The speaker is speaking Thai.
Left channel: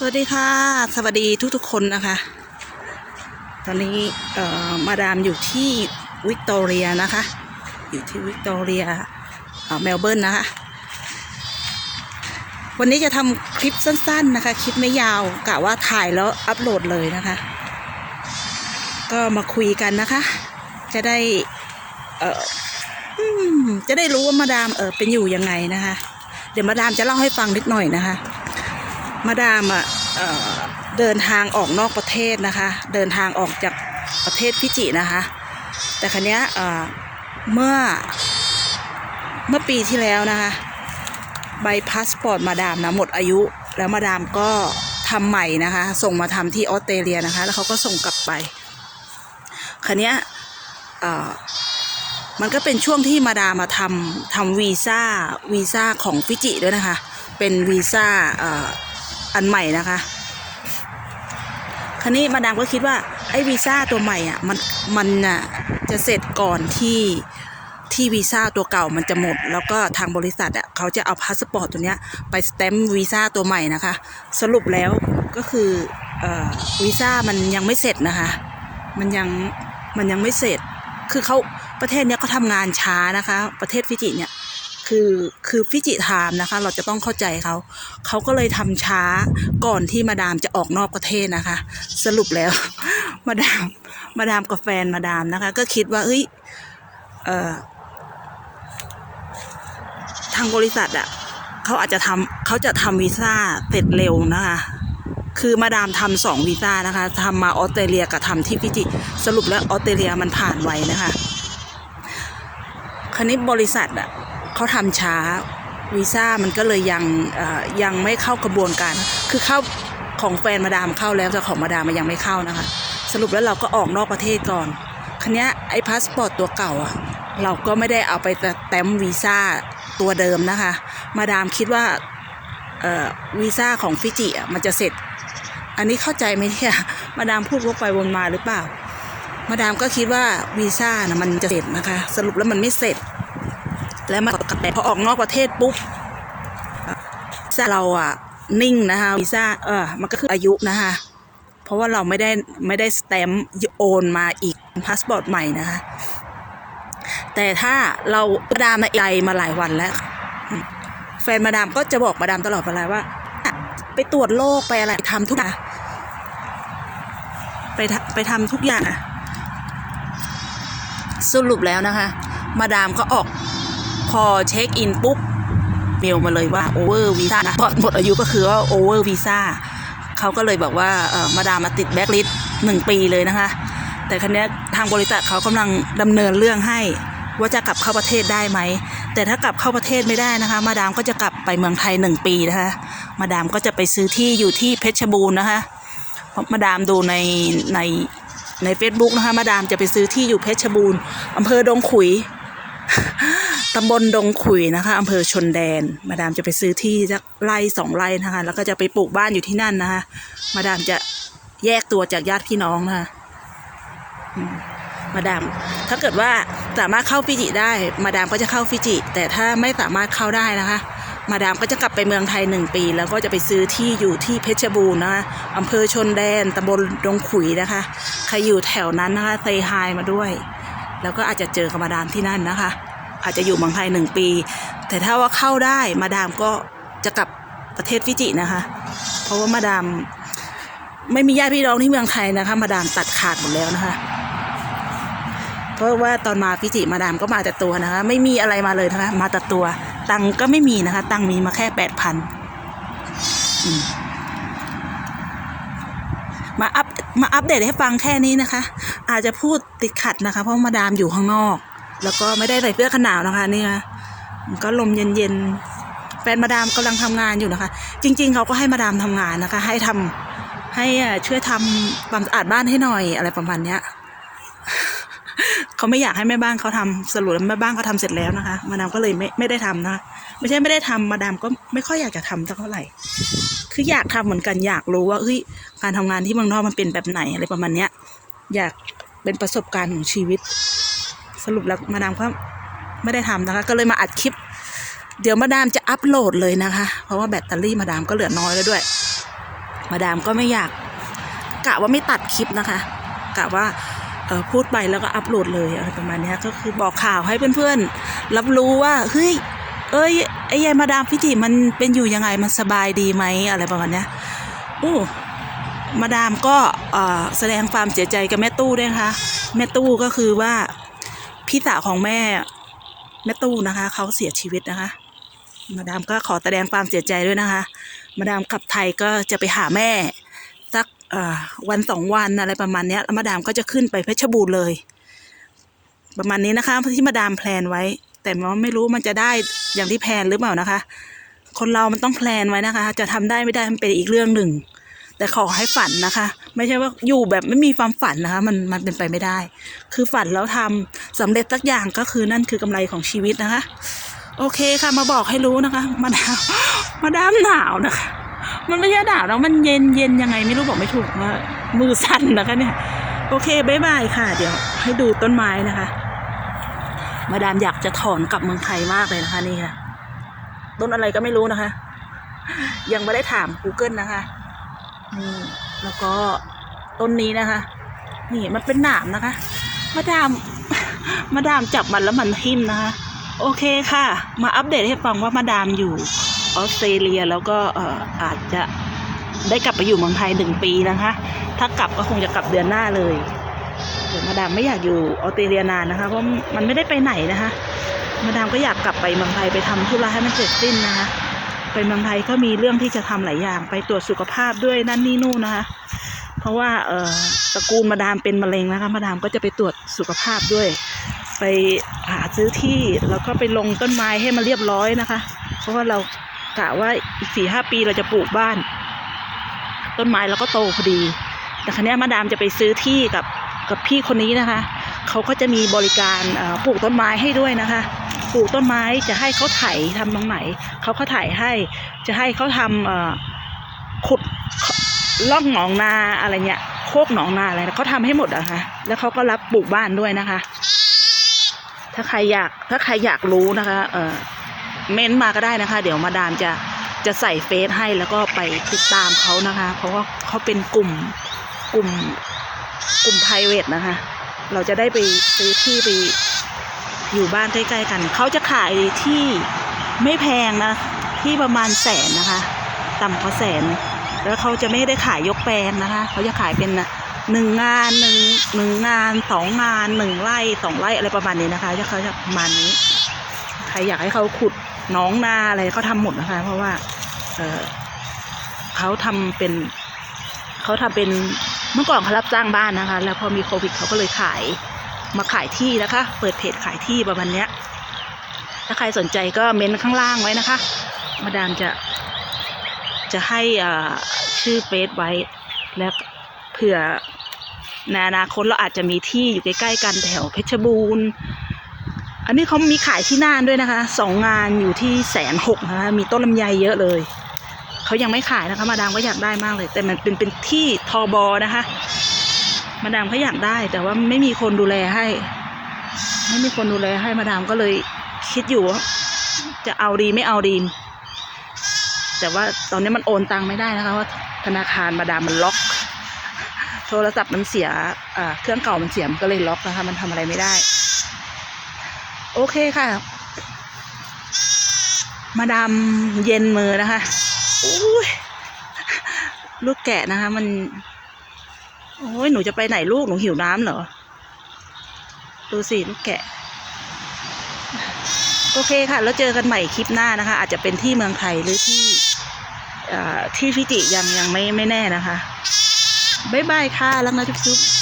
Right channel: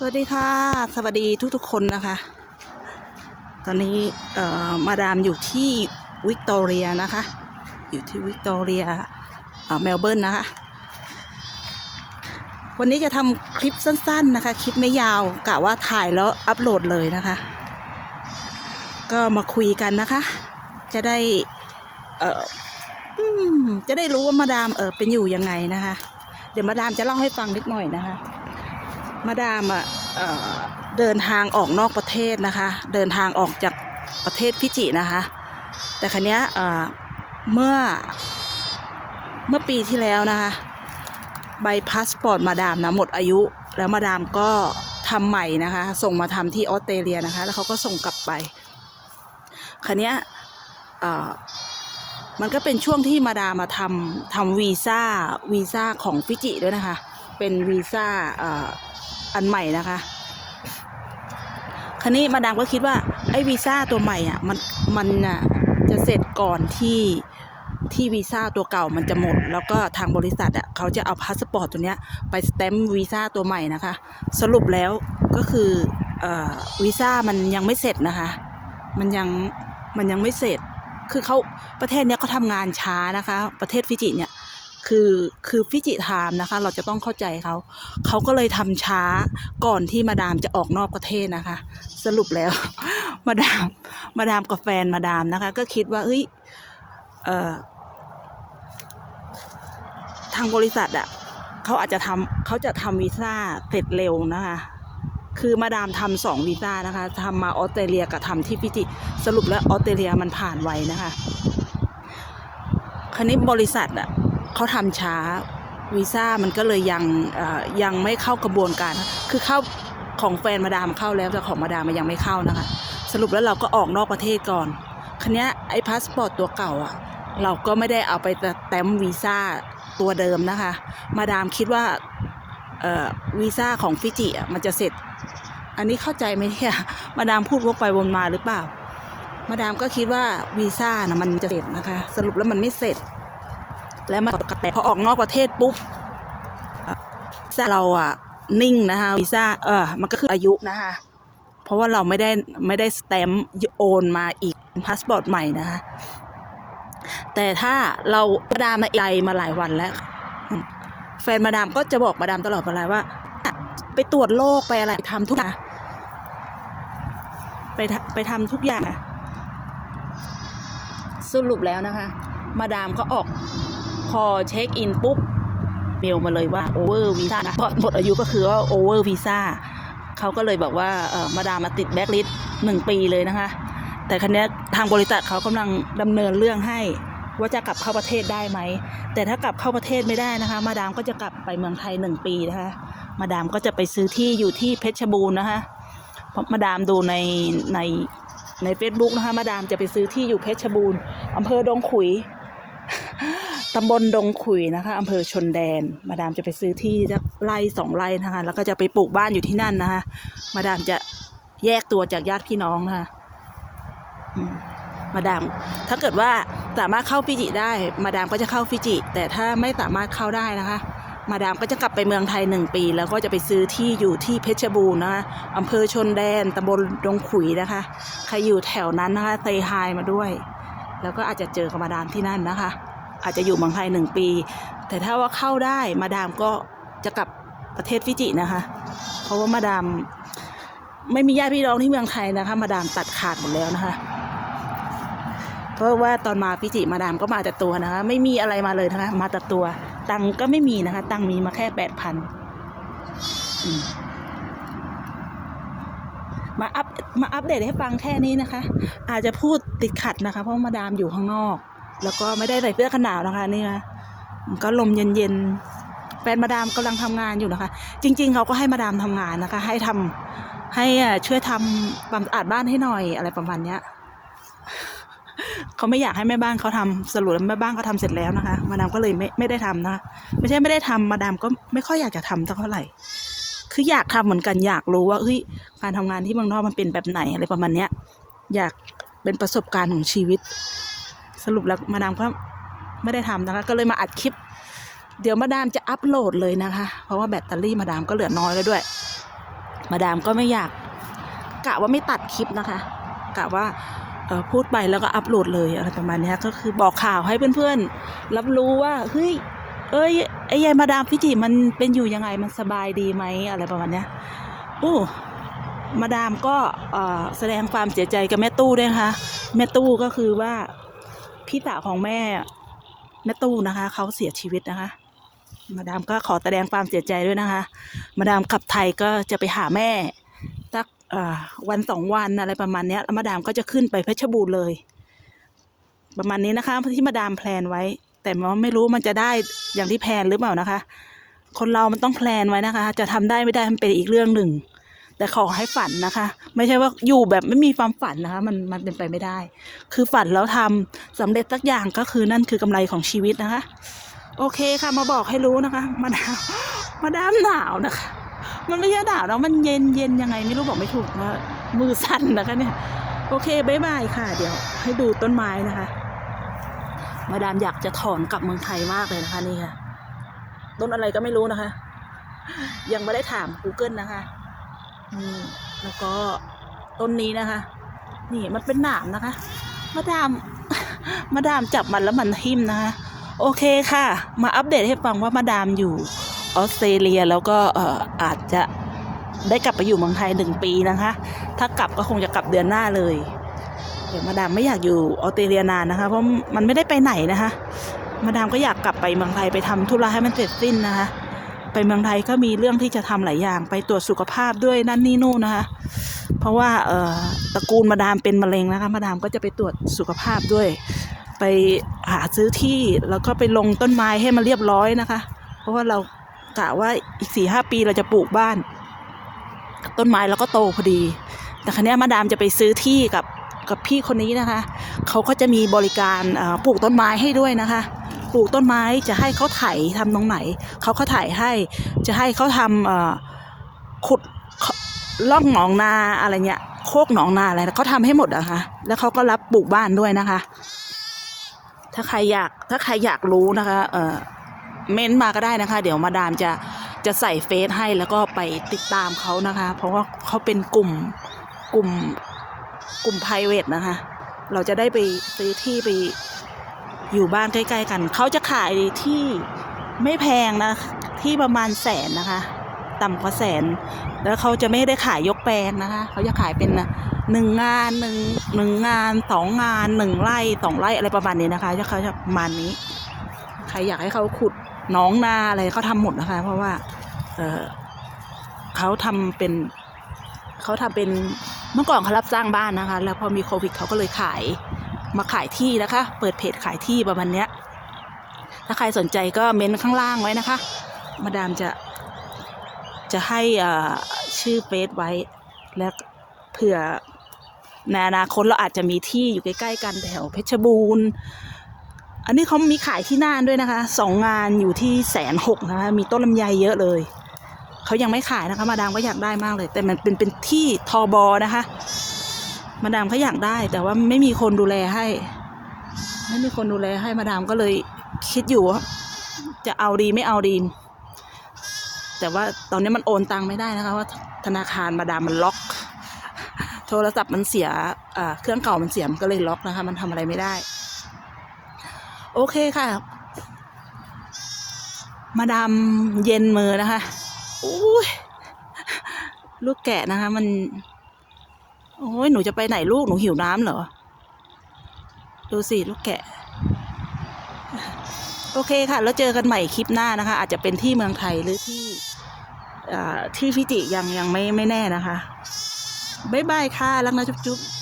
สวัสดีค่ะ สวัสดีทุกๆคนนะคะ ตอนนี้เอ่อมาดามอยู่ที่วิกตอเรียนะคะ อยู่ที่วิกตอเรียเมลเบิร์นนะคะ วันนี้จะทำคลิปสั้นๆนะคะ คลิปไม่ยาวกะว่าถ่ายแล้วอัปโหลดเลยนะคะ ก็มาคุยกันนะคะ จะได้เอออืมจะได้รู้ว่ามาดามเออเป็นอยู่ยังไงนะคะ เดี๋ยวมาดามจะเล่าให้ฟังนิดหน่อยนะคะ มาดามอะเดินทางออกนอกประเทศนะคะ เดินทางออกจากประเทศฟิจินะคะ แต่ครั้นี้ยเมื่อเมื่อปีที่แล้วนะคะ ใบพาสปอร์ตมาดามนะหมดอายุ แล้วมาดามก็ทำใหม่นะคะ ส่งมาทำที่ออสเตรเลียนะคะ แล้วเขาก็ส่งกลับไปครั้นี้ยมันก็เป็นช่วงที่มาดามมาทำทำวีซ่าวีซ่าของฟิจิด้วยนะคะ เป็นวีซ่า เอ่ออันใหม่นะคะคราวนี้มาดามก็คิดว่าไอ้วีซ่าตัวใหม่อะมันมันน่ะจะเสร็จก่อนที่ที่วีซ่าตัวเก่ามันจะหมด แล้วก็ทางบริษัทอะเขาจะเอาพาสปอร์ตตัวเนี้ยไปสแตมป์วีซ่าตัวใหม่นะคะ สรุปแล้วก็คือเอ่อวีซ่ามันยังไม่เสร็จนะคะ มันยังมันยังไม่เสร็จ คือเขาประเทศเนี้ยเขาทำงานช้านะคะ ประเทศฟิจิเนี่ย คือคือฟิจิไทม์นะคะ เราจะต้องเข้าใจเขา เขาก็เลยทำช้าก่อนที่มาดามจะออกนอกประเทศนะคะ สรุปแล้ว มาดามมาดามกับแฟนมาดามนะคะ ก็คิดว่าเอ้ยเออทางบริษัทอะเขาอาจจะทำเขาจะทำวีซ่าเสร็จเร็วนะคะ คือมาดามทำสองวีซ่านะคะทำมาออสเตรเลียกับทำที่ฟิจิสรุปแล้วออสเตรเลียมันผ่านไวนะคะคราวนี้บริษัทอะ เขาทำช้าวีซ่ามันก็เลยยังยังไม่เข้ากระบวนการ คือเข้าของแฟนมาดามเข้าแล้วแต่ของมาดามมันยังไม่เข้านะคะ สรุปแล้วเราก็ออกนอกประเทศก่อนคันนี้ไอ้พาสปอร์ตตัวเก่าอะเราก็ไม่ได้เอาไปแต้มวีซ่าตัวเดิมนะคะ มาดามคิดว่าวีซ่าของฟิจิอะมันจะเสร็จ อันนี้เข้าใจไหมเนี่ยมาดามพูดวกไปวนมาหรือเปล่า มาดามก็คิดว่าวีซ่านะมันจะเสร็จนะคะ สรุปแล้วมันไม่เสร็จ แล้วมาต่พอออกนอกประเทศปุ๊บวีซ่าเราอะนิ่งนะคะวีซ่าเออมันก็คืออายุนะคะเพราะว่าเราไม่ได้ไม่ได้สแตมป์โอนมาอีกพาสปอร์ตใหม่นะคะแต่ถ้าเรามาดามมาไกลมาหลายวันแล้ว แฟนมาดามก็จะบอกมาดามตลอดเวลาว่า ไปตรวจโรคไปอะไรทำทุกอย่างไปทำไปทำทุกอย่างอะสรุปแล้วนะคะ มาดามก็ออก พอเช็คอินปุ๊บเมลมาเลยว่าโอเวอร์วีซ่าพอหมดอายุก็คือว่าโอเวอร์วีซ่าเขาก็เลยบอกว่าเออมาดามมาติดแบ็คลิสต์หนึ่งปีเลยนะคะ แต่คันนี้ทางบริษัทเขากำลังดำเนินเรื่องให้ว่าจะกลับเข้าประเทศได้ไหม แต่ถ้ากลับเข้าประเทศไม่ได้นะคะ มาดามก็จะกลับไปเมืองไทยหนึ่งปีนะคะ มาดามก็จะไปซื้อที่อยู่ที่เพชรบูรณ์นะคะเพราะมาดามดูในในใน Facebook นะคะ มาดามจะไปซื้อที่อยู่เพชรบูรณ์อำเภอดงขุย ตำบลดงขุยนะคะอำเภอชนแดน มาดามจะไปซื้อที่สักไร่สองไร่นะคะ แล้วก็จะไปปลูกบ้านอยู่ที่นั่นนะคะ มาดามจะแยกตัวจากญาติพี่น้องนะคะมมาดามถ้าเกิดว่าสามารถเข้าฟิจิได้ มาดามก็จะเข้าฟิจิ แต่ถ้าไม่สามารถเข้าได้นะคะ มาดามก็จะกลับไปเมืองไทยหนึ่งปี แล้วก็จะไปซื้อที่อยู่ที่เพชรบูรณ์นะคะอำเภอชนแดนตำบลดงขุยนะคะใครอยู่แถวนั้นนะคะเซฮายมาด้วย แล้วก็อาจจะเจอกับมาดามที่นั่นนะคะ อาจจะอยู่เมืองไทยหนึ่งปี แต่ถ้าว่าเข้าได้มาดามก็จะกลับประเทศฟิจินะคะ เพราะว่ามาดามไม่มีญาติพี่น้องที่เมืองไทยนะคะ มาดามตัดขาดหมดแล้วนะคะ เพราะว่าตอนมาฟิจิมาดามก็มาแต่ตัวนะคะ ไม่มีอะไรมาเลยนะคะ มาแต่ตัว ตังก็ไม่มีนะคะ ตังมีมาแค่แปดพันมาอัพมาอัปเดตให้ฟังแค่นี้นะคะ อาจจะพูดติดขัดนะคะ เพราะมาดามอยู่ข้างนอก แล้วก็ไม่ได้ใส่เสื้อกันหนาวนะคะนี่ยมันก็ลมเย็นๆแฟนมาดามกำลังทำงานอยู่นะคะ จริง ๆเขาก็ให้มาดามทำงานนะคะ ให้ทำให้ช่วยทำความสะอาดบ้านให้หน่อยอะไรประมาณเนี้ยเขาไม่อยากให้แม่บ้านเขาทำสรุปแล้วแม่บ้านเขาทำเสร็จแล้วนะคะ มาดามก็เลยไม่ไม่ได้ทำนะะไม่ใช่ไม่ได้ทำมาดามก็ไม่ค่อยอยากจะทำสักเท่าไหร่ คืออยากทำเหมือนกันอยากรู้ว่าเฮ้ยการทำงานที่เมืองนอกมันเป็นแบบไหนอะไรประมาณเนี้ย อยากเป็นประสบการณ์ของชีวิต รุปแล้วมาดามก็ไม่ได้ทำนะคะ ก็เลยมาอัดคลิป เดี๋ยวมาดามจะอัปโหลดเลยนะคะ เพราะว่าแบตเตอรี่มาดามก็เหลือน้อยแล้วด้วย มาดามก็ไม่อยากกะว่าไม่ตัดคลิปนะคะกะว่าเออพูดไปแล้วก็อัปโหลดเลยอะไรประมาณนี้ก็คือบอกข่าวให้เพื่อนๆ รับรู้ว่าเฮ้ยเอ้ยไอ้ยายมาดามพิจิมันเป็นอยู่ยังไงมันสบายดีไหมอะไรประมาณนี้โอ้มาดามก็แสดงความเสียใจกับแม่ตู้ด้วยนะคะแม่ตู้ก็คือว่า พี่สาวของแม่แม่ตู้นะคะเขาเสียชีวิตนะคะ มาดามก็ขอแสดงความเสียใจด้วยนะคะ มาดามกลับไทยก็จะไปหาแม่สักวันสองวันอะไรประมาณนี้แล้วมาดามก็จะขึ้นไปเพชรบูรณ์เลย ประมาณนี้นะคะที่มาดามแพลนไว้ แต่ว่าไม่รู้มันจะได้อย่างที่แพลนหรือเปล่านะคะ คนเรามันต้องแพลนไว้นะคะ จะทำได้ไม่ได้มันเป็นอีกเรื่องหนึ่ง แต่ขอให้ฝันนะคะ ไม่ใช่ว่าอยู่แบบไม่มีความฝันนะคะ มันมันเป็นไปไม่ได้ คือฝันแล้วทำสำเร็จสักอย่างก็คือนั่นคือกำไรของชีวิตนะคะ โอเคค่ะมาบอกให้รู้นะคะมาดามมาดามหนาวนะคะ มันไม่ใช่หนาวแล้วมันเย็นเย็นยังไงไม่รู้บอกไม่ถูกว่ามือสั่นนะคะเนี่ย โอเคบายบายค่ะ เดี๋ยวให้ดูต้นไม้นะคะ มาดามอยากจะถอนกลับเมืองไทยมากเลยนะคะนี่ค่ะต้นอะไรก็ไม่รู้นะคะ ยังไม่ได้ถาม Google นะคะ นี่แล้วก็ต้นนี้นะคะ นี่มันเป็นหนามนะคะ มาดาม มาดามจับมันแล้วมันทิ่มนะคะ โอเคค่ะ มาอัปเดตให้ฟังว่ามาดามอยู่ออสเตรเลียแล้วก็ออาจจะได้กลับไปอยู่เมืองไทยหนึ่งปีนะคะ ถ้ากลับก็คงจะกลับเดือนหน้าเลยแต่มาดามไม่อยากอยู่ออสเตรเลียนานนะคะ เพราะมันไม่ได้ไปไหนนะคะ มาดามก็อยากกลับไปเมืองไทยไปทำธุระให้มันเสร็จสิ้นนะคะ ไปเมืองไทยก็มีเรื่องที่จะทำหลายอย่าง ไปตรวจสุขภาพด้วยนั่นนี่นู่นนะคะ เพราะว่าเอ่อตระกูลมาดามเป็นมะเร็งนะคะมาดามก็จะไปตรวจสุขภาพด้วย ไปหาซื้อที่แล้วก็ไปลงต้นไม้ให้มันเรียบร้อยนะคะ เพราะว่าเรากะว่าอีกสี่ห้าปีเราจะปลูกบ้าน ต้นไม้แล้วก็โตพอดี แต่ครั้นี้มาดามจะไปซื้อที่กับกับพี่คนนี้นะคะ เขาก็จะมีบริการปลูกต้นไม้ให้ด้วยนะคะ ปลูกต้นไม้จะให้เขาไถทำตรงไหนเขาก็ไถให้ จะให้เขาทำขุดล่องหนองนาอะไรเงี้ยโคกหนองนาอะไรเขาทำให้หมดอะคะแล้วเขาก็รับปลูกบ้านด้วยนะคะ ถ้าใครอยากถ้าใครอยากรู้นะคะเออเม้นต์มาก็ได้นะคะ เดี๋ยวมาดามจะจะใส่เฟซให้แล้วก็ไปติดตามเขานะคะ เพราะว่าเขาเป็นกลุ่มกลุ่มกลุ่ม p r i v a t นะคะ เราจะได้ไปซื้อที่ไป อยู่บ้านใกล้ๆกัน เขาจะขายที่ไม่แพงนะ ที่ประมาณแสนนะคะ ต่ำกว่าแสน แล้วเขาจะไม่ได้ขายยกแปลงนะคะ เขาจะขายเป็นหนึ่งงานหนึ่งหนึ่งงานสองงานหนึ่งไร่สองไร่อะไรประมาณนี้นะคะเขาจะประมาณนี้ใครอยากให้เขาขุดน้องนาอะไรเขาทำหมดนะคะ เพราะว่าเออเขาทำเป็นเขาทำเป็นเมื่อก่อนเขารับจ้างบ้านนะคะ แล้วพอมีโควิดเขาก็เลยขาย มาขายที่นะคะ เปิดเพจขายที่ประมาณเนี้ย ถ้าใครสนใจก็เม้นข้างล่างไว้นะคะ มาดามจะ จะให้ชื่อเฟซไว้แล้วเผื่อในอนาคตเราอาจจะมีที่อยู่ใกล้ๆกันแถวเพชรบูรณ์อันนี้เขามีขายที่น่านด้วยนะคะสองงานอยู่ที่แสนหกนะคะมีต้นลำไยเยอะเลยเขายังไม่ขายนะคะมาดามก็อยากได้มากเลย แต่มันเป็นเป็นที่ทอบอนะคะ มาดามก็อยากได้ แต่ว่าไม่มีคนดูแลให้ ไม่มีคนดูแลให้มาดามก็เลยคิดอยู่ว่าจะเอาดีไม่เอาดี แต่ว่าตอนนี้มันโอนตังไม่ได้นะคะว่าธนาคารมาดามมันล็อก โทรศัพท์มันเสียเครื่องเก่ามันเสียมันก็เลยล็อกนะคะ มันทำอะไรไม่ได้ โอเคค่ะ มาดามเย็นมือนะคะลูกแกะนะคะ มัน โอ้ยหนูจะไปไหนลูกหนูหิวน้ำเหรอดูสิลูกแกะ โอเคค่ะ แล้วเจอกันใหม่คลิปหน้านะคะ อาจจะเป็นที่เมืองไทยหรือที่ที่ฟิจิยังยังไม่ไม่แน่นะคะ บ๊ายบายค่ะแล้วนะจุ๊บๆ